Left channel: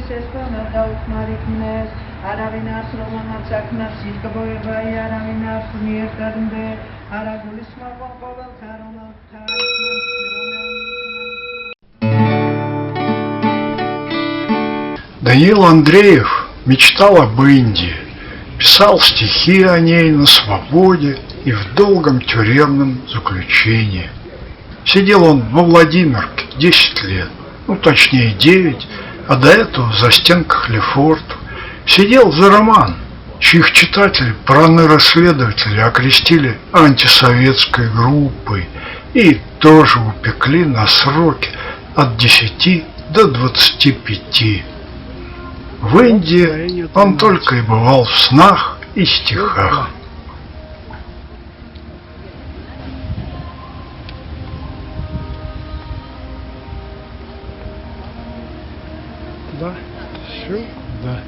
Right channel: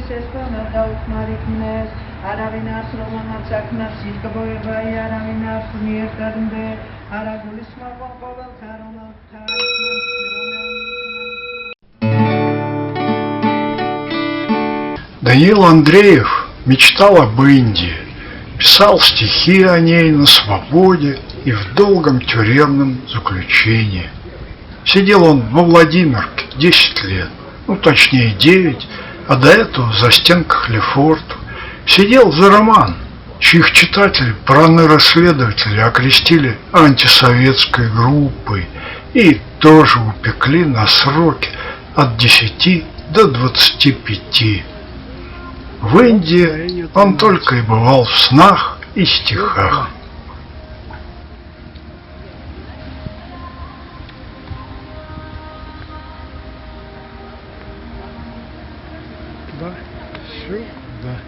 Ieris espana daudz mariknes, aravinas romanat saknas sikaboeva aravinas niertadunde, aragulisma qovel karomal Даниил Андреев мечтал об Индии, писал стихи о ней на свободе и в долгом тюремном заключении. Сидел он во Владимирке 10 лет, точнее 9, а до этого за стенках Лефорту. Сидел за роман, чьих читателей проны-расследователи окрестили антисоветской группой и тоже упекли на сроки от 10 до 25. В Индии он только и бывал в снах и стихах. Да, сюда.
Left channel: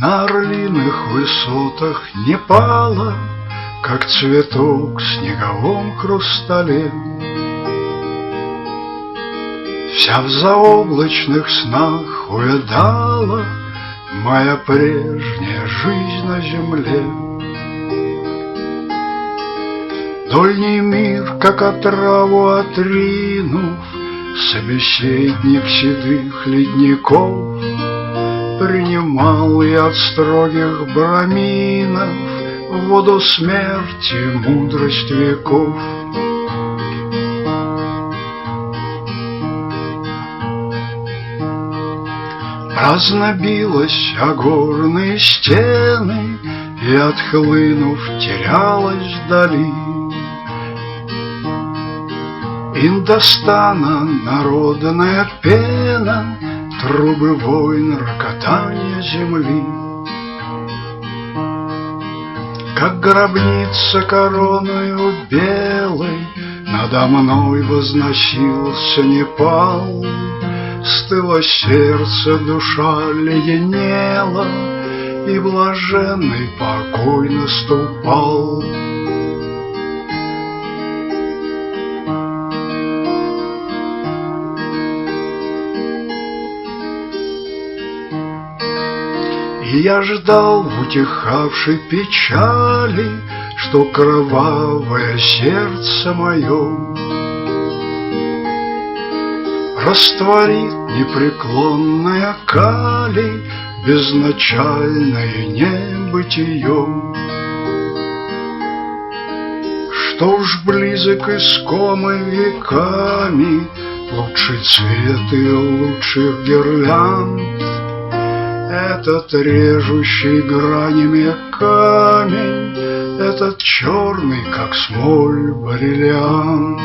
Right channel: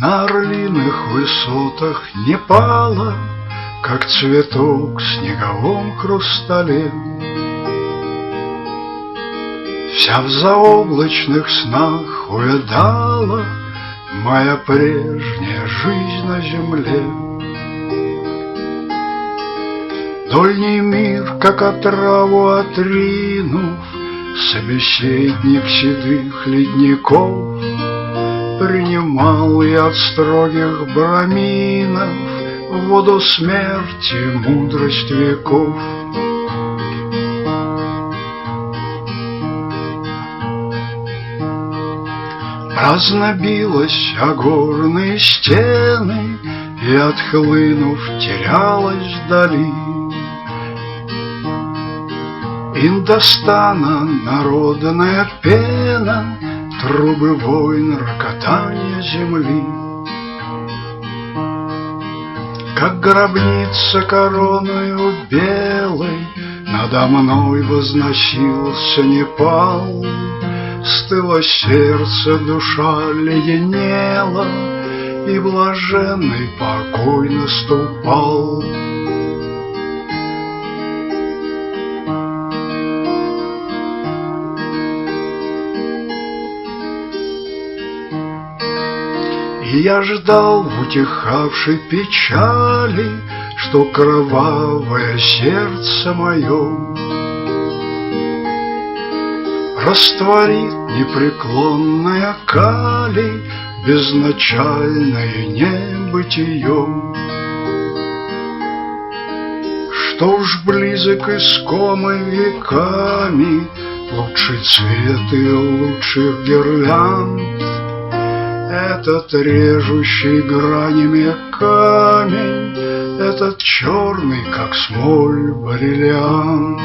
На орлиных высотах Непала, как цветок в снеговом хрустале, вся в заоблачных снах увядала моя прежняя жизнь на земле. Дольний мир, как отраву отринув, собеседник седых ледников, принимал я от строгих браминов воду смерти, мудрость веков. Праздно билась о горные стены и, отхлынув, терялась вдали. Индостана народная пена, трубы войн, рокотание земли. Как гробница короною белой надо мной возносился Непал. Стыло сердце, душа леденела, и блаженный покой наступал. И я ждал в утихавшей печали, что кровавое сердце мое растворит непреклонная кали безначальное небытие. Что ж близок искомый веками лучший цвет и лучших гирлянд, этот режущий гранями камень, этот черный, как смоль, бриллиант.